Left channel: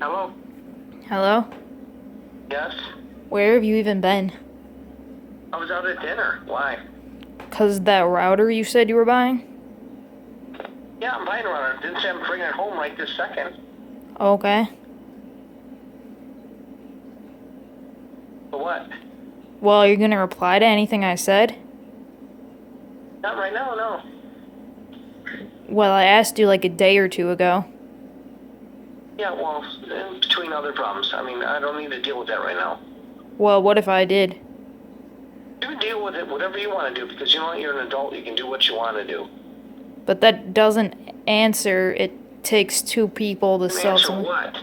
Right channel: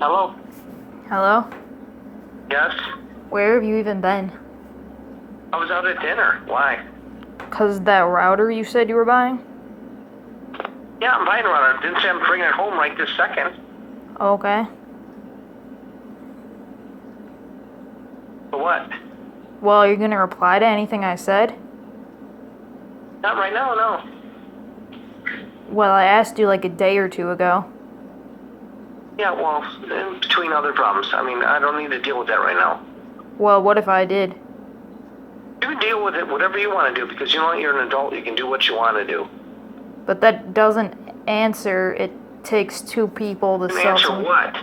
Hello? Hello? Yes? Where have you even been? I was out at dinner. Why? 'Cause that router you said you were buying? Yeah, I'm buying a router. Didn't say I'm bringing it home right this second. Okay. For what? Well, you're gonna reply to anything I said? Not right now, no. Well, I asked you like a day or two ago. Yeah, well, in between other problems. I mean, I don't need to deal with that right now. Well, what if I did? You can deal with it whatever you want to do because you know what? You're an adult. You can do what you want to do. But that doesn't answer it takes two people to You can sell answer some. what?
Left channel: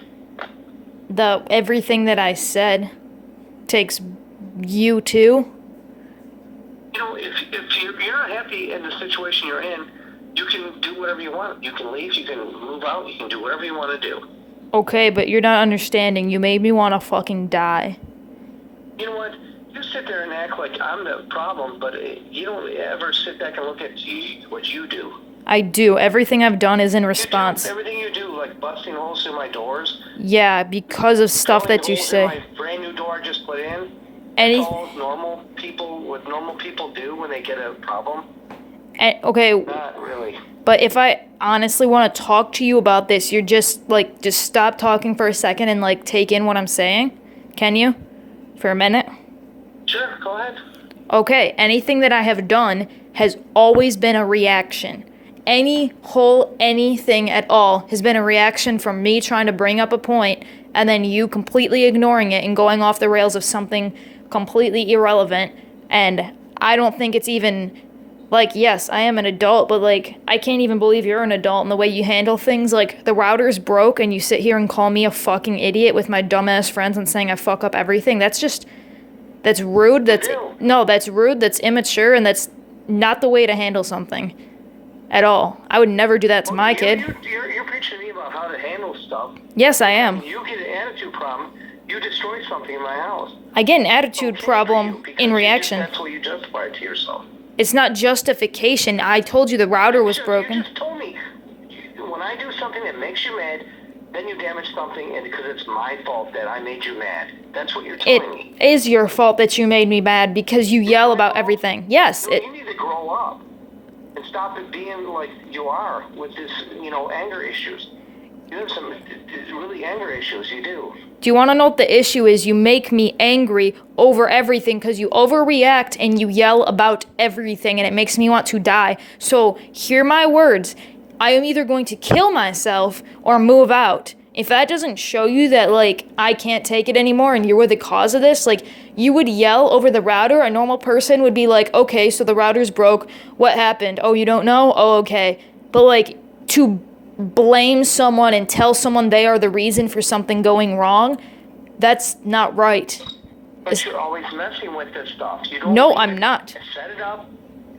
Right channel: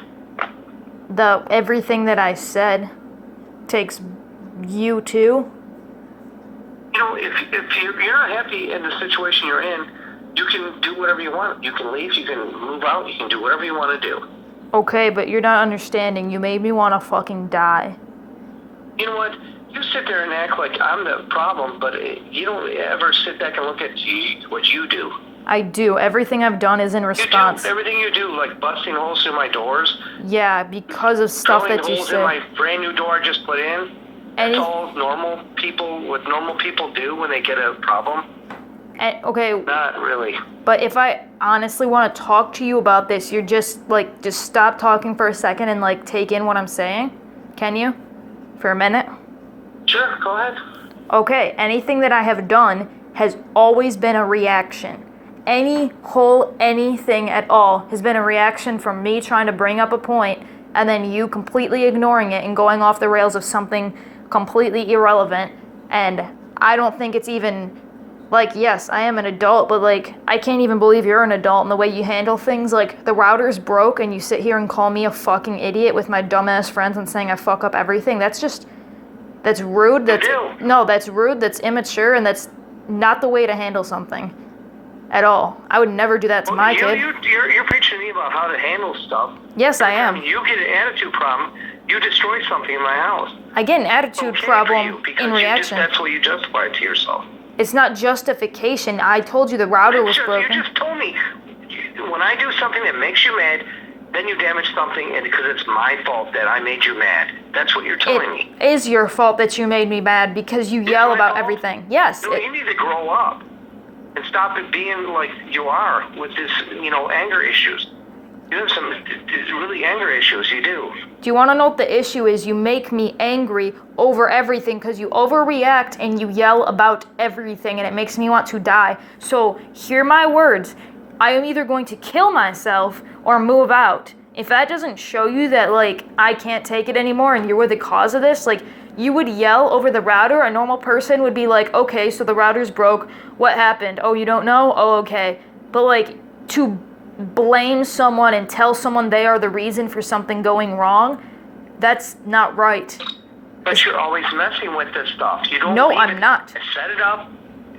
Everything that I said takes you too? You know, if you're not happy in the situation you're in, you can do whatever you want. You can leave. You can move out. You can do whatever you want to do. Okay, but you're not understanding. You made me want to fucking die. You know what? You sit there and act like I'm the problem, but you don't ever sit back and look at what you do. I do. Everything I've done is in You response. do everything you do, like busting holes through my doors, Yeah, because of stuff drilling that you holes say. in my brand new door I just put in. That's all normal people do when they get a problem. Okay. Not really. But if I honestly want to talk to you about this, you're just stop talking for a second and like take in what I'm saying. Can you? For a minute? Sure, go ahead. Okay, anything that I have done has always been a reaction. Anything at all has been a reaction from me trying to bring up a point and then you completely ignoring it and going off the rails of something completely irrelevant. And I don't think it's even, like, yes, I am an adult, but like, I can't even believe you're an adult in the way you handle things. Like, the router's broke and you sit here and call me a fucking idiot with my dumbass friends and saying I fuck up everything. That's rude. That's rude, that's immature, and that's not the way to handle something at all. I would never do that to my kid. You're preaching to me about how to handle stuff. Yes, I am. You get an attitude problem, you destroy something in my house. I get an attitude problem in reaction. That's what you justify to yourself. It's not justification. I told you the router was broken. You just told me. When I do something that makes you mad, then you damage something, and because it's my fault that I made you mad. That's what you're telling me. It is your fault that you made me mad because you yell about everything. Yes. No, you need to grow up and stop it being like you are with this, anger issues. You have some really anger issues, you do. Do you want to know what the issue is? You make me angry over everything because you overreact and you yell about everything and it makes me want to die. So hear my words. I am either going to kill myself or move out. If that doesn't show you that, like, I can't take it anymore and you're the cause of this, like, you would yell over the router. A normal person would be like, okay, so the router's broke. What happened? Oh, you don't know? Oh, okay. But, like, to blame someone and tell someone they are the reason for something going wrong, that's not right. But you're always messing with this stuff. You don't. No, I'm not. Set it up,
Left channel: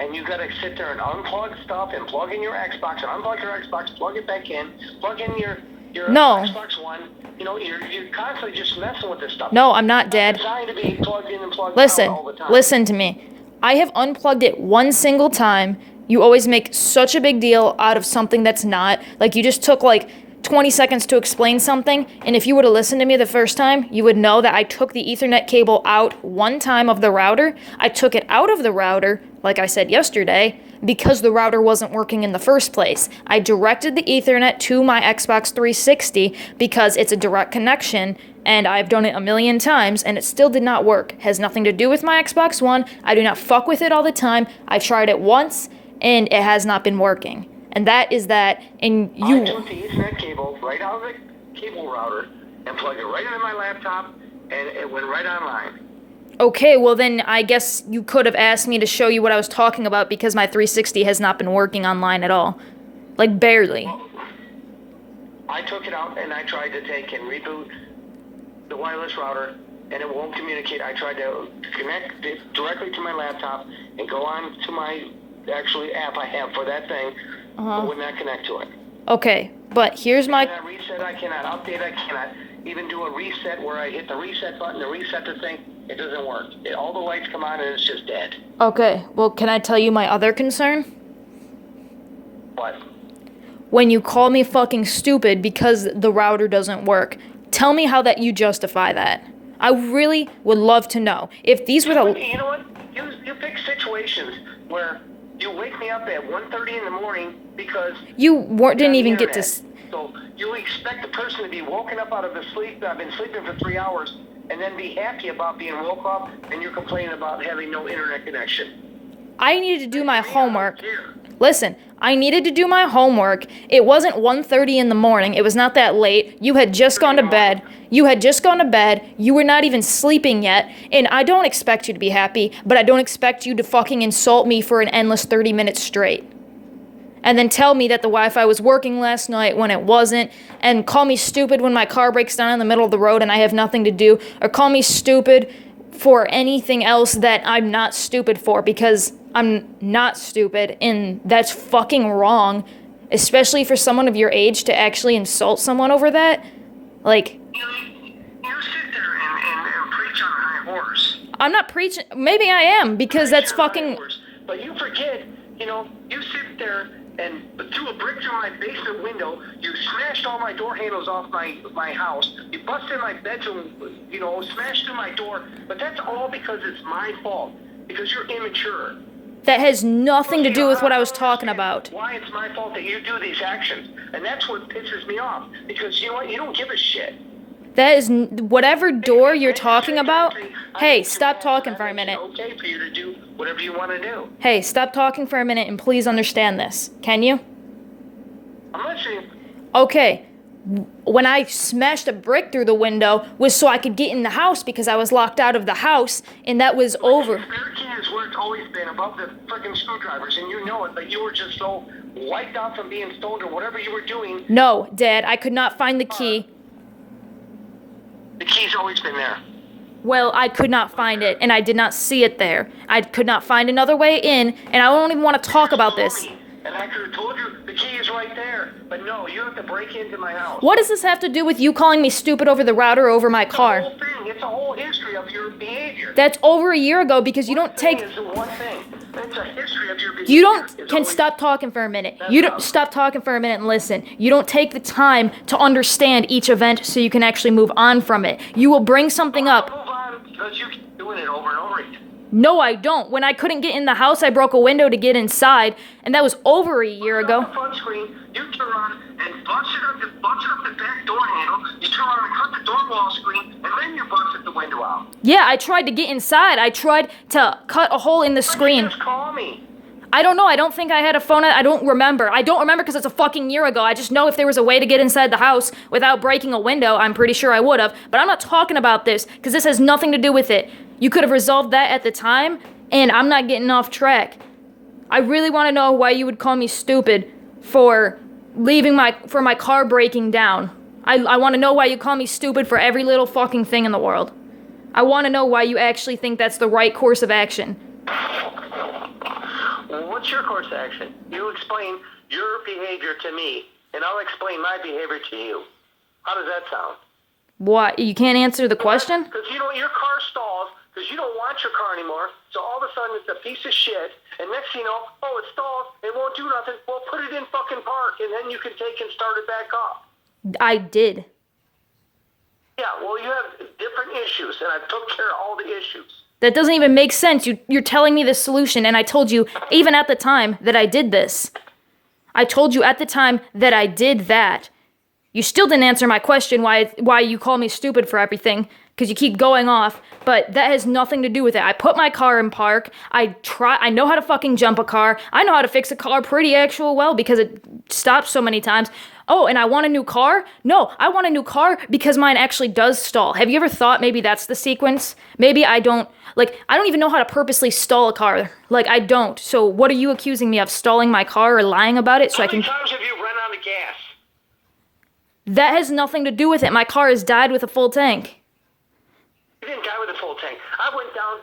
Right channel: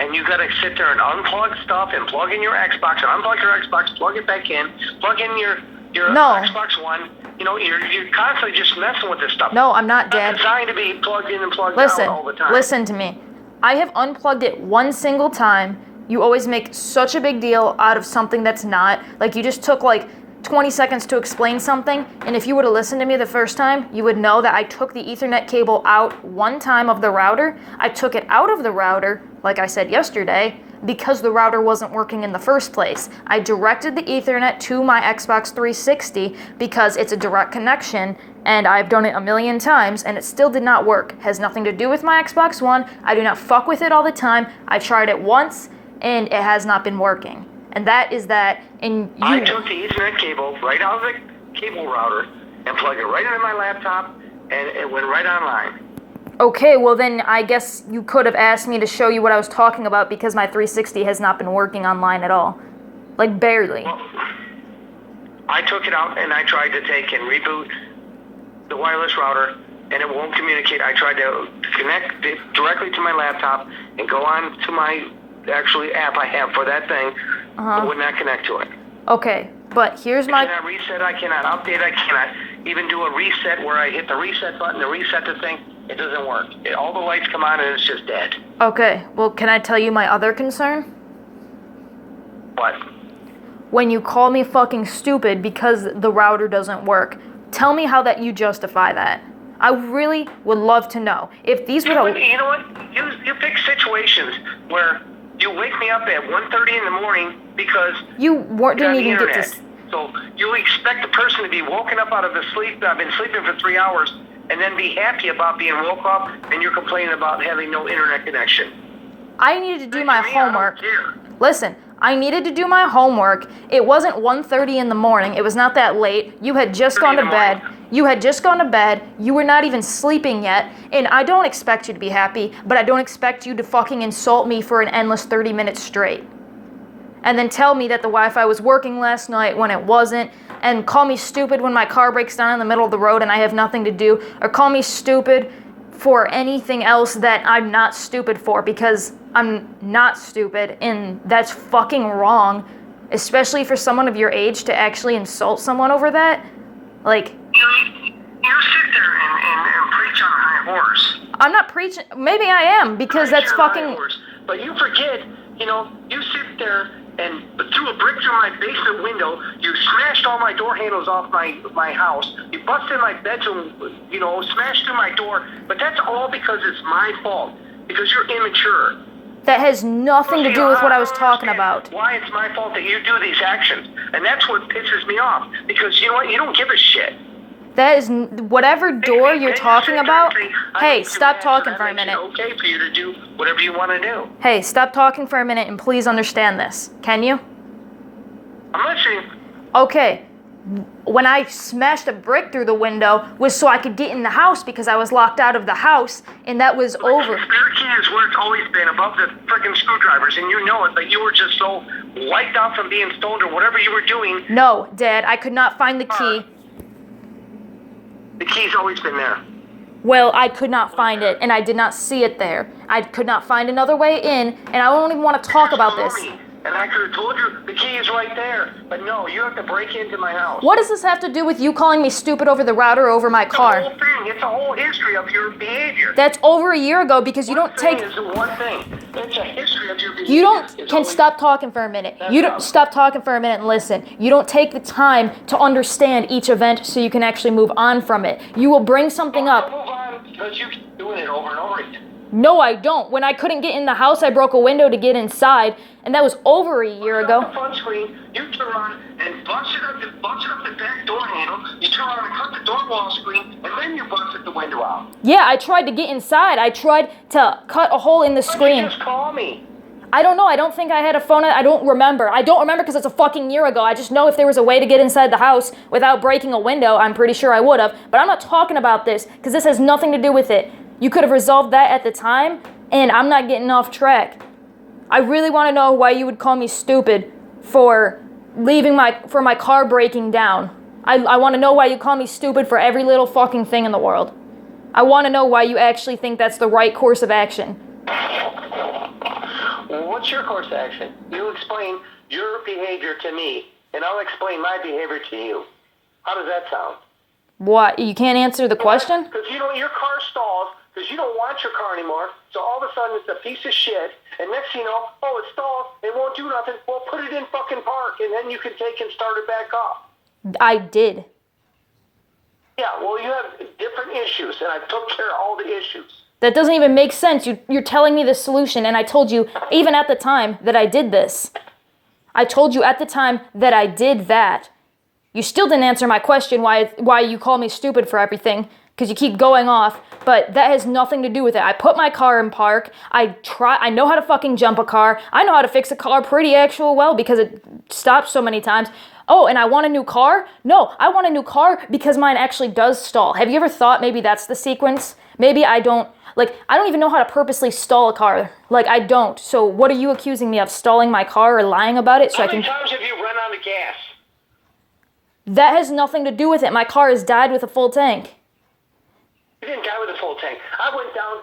and you gotta sit there and unplug stuff and plug in your Xbox and unplug your Xbox, plug it back in, plug in your Xbox One. You're constantly just messing with this stuff. No, I'm not, Dad. It's designed to be plugged in and plugged out all the time. Listen to me. I have unplugged it one single time. You always make such a big deal out of something that's not. Like, you just took, 20 seconds to explain something, and if you would have listened to me the first time, you would know that I took the Ethernet cable out one time of the router. I took it out of the router, like I said yesterday, because the router wasn't working in the first place. I directed the Ethernet to my Xbox 360 because it's a direct connection, and I've done it a million times, and it still did not work. Has nothing to do with my Xbox One. I do not fuck with it all the time. I tried it once, and it has not been working. And that is that, and you... I took the Ethernet cable right out of the cable router and plugged it right into my laptop, and it went right online. Okay, well then I guess you could have asked me to show you what I was talking about because my 360 has not been working online at all. Like, barely. Well, I took it out and I tried to take and reboot the wireless router, and it won't communicate. I tried to connect it directly to my laptop and go on to my actually app I have for that thing, but would not connect to it. Okay, but here's I cannot reset, I cannot update, I cannot even do a reset where I hit the reset button to reset the thing. It doesn't work. All the lights come on and it's just dead. Okay, well, can I tell you my other concern? What? When you call me fucking stupid because the router doesn't work. Tell me how that you justify that. I really would love to know. If these were the... You know what? You pick situations where you wake me up at 1:30 in the morning because didn't even get to... So you expect the person to be woken up out of the sleep. I've been sleeping for 3 hours, and then be happy about being woke up, and you're complaining about having no internet connection. I needed to do my homework. Listen, I needed to do my homework. It wasn't 1:30 in the morning. It was not that late. You had just gone to bed. You were not even sleeping yet. And I don't expect you to be happy, but I don't expect you to fucking insult me for an endless 30 minutes straight. And then tell me that the Wi-Fi was working last night when it wasn't, and call me stupid when my car breaks down in the middle of the road and I have nothing to do, or call me stupid for anything else that I'm not stupid for, because I'm not stupid, and that's fucking wrong, especially for someone of your age to actually insult someone over that. Like, you sit there and preach on a high horse. I'm not preaching. Maybe I am, because that's fucking... But you forget, you sit there and threw a brick through my basement window. You smashed all my door handles off my house. You busted my bedroom, smashed through my door. But that's all because it's my fault. Because you're immature. That has nothing to do with what I was talking about. Why it's my fault that you do these actions. And that's what pisses me off. Because you know what? You don't give a shit. That is whatever door you're talking about. Hey, stop talking for a minute. It's okay for you to do whatever you want to do. Hey, stop talking for a minute and please understand this. Can you? I'm listening. Okay. When I smashed a brick through the window was so I could get in the house because I was locked out of the house, and that was over. The spare key is where it's always been, above the freaking screwdrivers, and you know it, but you were just so wiped out from being stoned or whatever you were doing. No, Dad, I could not find the key. The key's always been there. Well, I could not find it, and I did not see it there. I could not find another way in, and I don't even want to talk about this. And I could have told you the key is right there. But no, you have to break into my house. What does this have to do with you calling me stupid over the router over my car? It's a whole thing. It's a whole history of your behavior. That's over a year ago because you don't take... It's one thing. It's a history of your behavior. Stop talking for a minute. Stop talking for a minute and listen. You don't take the time to understand each event so you can actually move on from it. You will bring something up. Move on because you keep doing it over and over again. No, I don't. When I couldn't get in the house, I broke a window to get inside, and that was over a year ago. On the front screen, you turn on and busted up the back door handle. You turn on and cut the door wall screen, and then you busted the window out. Yeah, I tried to get inside. I tried to cut a hole in the screen. Why didn't you just call me? I don't know. I don't think I had a phone. I don't remember. I don't remember because it's a fucking year ago. I just know if there was a way to get inside the house without breaking a window, I'm pretty sure I would have. But I'm not talking about this because this has nothing to do with it. You could have resolved that at the time, and I'm not getting off track. I really want to know why you would call me stupid for my car breaking down. I want to know why you call me stupid for every little fucking thing in the world. I want to know why you actually think that's the right course of action. Well, what's your course of action? You explain your behavior to me, and I'll explain my behavior to you. How does that sound? What? You can't answer the question? Because your car stalls. Because you don't want your car anymore, so all of a sudden it's a piece of shit, and next thing you know, it stalls, it won't do nothing, well, put it in fucking park, and then you can take and start it back up. I did. Yeah, well, you have different issues, and I took care of all the issues. That doesn't even make sense. You're telling me the solution, and I told you, even at the time, that I did this. I told you at the time that I did that. You still didn't answer my question why you call me stupid for everything, because you keep going off, but that has nothing to do with it. I put my car in park. I know how to fucking jump a car. I know how to fix a car pretty well because it stops so many times. Oh, and I want a new car? No, I want a new car because mine actually does stall. Have you ever thought maybe that's the sequence? Maybe I don't even know how to purposely stall a car. I don't. So what are you accusing me of? Stalling my car or lying about it? How many times have you run out of gas? That has nothing to do with it. My car has died with a full tank. You didn't die with a full tank. I went down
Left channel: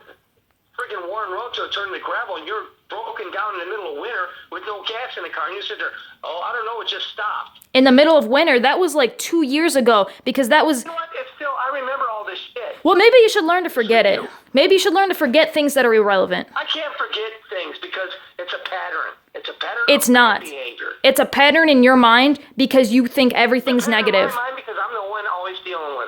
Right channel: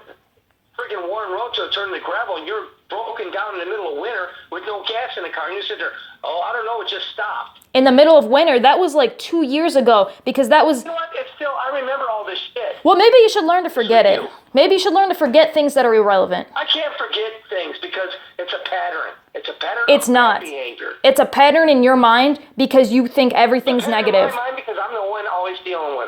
freaking Warren Road to turn the gravel, and you're broken down in the middle of winter with no gas in the car. And you sit there, I don't know, it just stopped. In the middle of winter? That was 2 years ago, because that was... You know what? I remember all this shit. Well, maybe you should learn to forget it. Maybe you should learn to forget things that are irrelevant. I can't forget things because it's a pattern. It's a pattern of not. Behavior. It's a pattern in your mind because you think everything's negative. In my mind because I'm the one always dealing with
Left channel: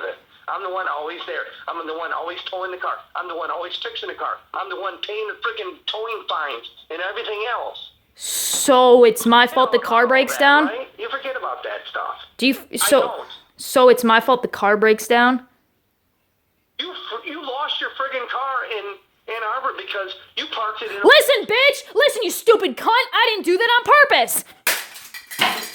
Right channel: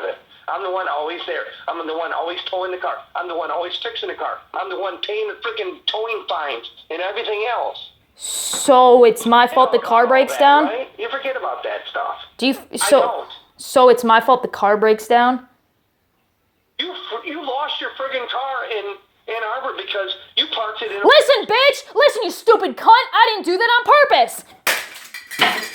towing the car. I'm the one always fixing the car. I'm the one paying the freaking towing fines and everything else. So it's my fault the car breaks that, down? Right? You forget about that stuff. I don't. So it's my fault the car breaks down? You lost your friggin' car in Ann Arbor because you parked it in. Listen, bitch! Listen, you stupid cunt! I didn't do that on purpose!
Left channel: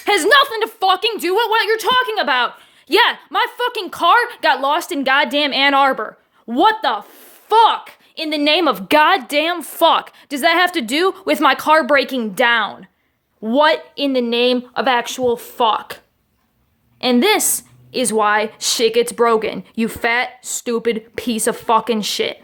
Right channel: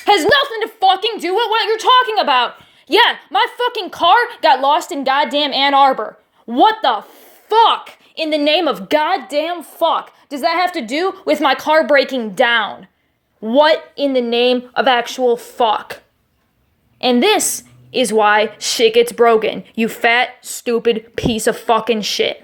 Has nothing to fucking do with what you're talking about. Yeah, my fucking car got lost in goddamn Ann Arbor. What the fuck, in the name of goddamn fuck, does that have to do with my car breaking down? What in the name of actual fuck? And this is why shit gets broken, you fat, stupid piece of fucking shit.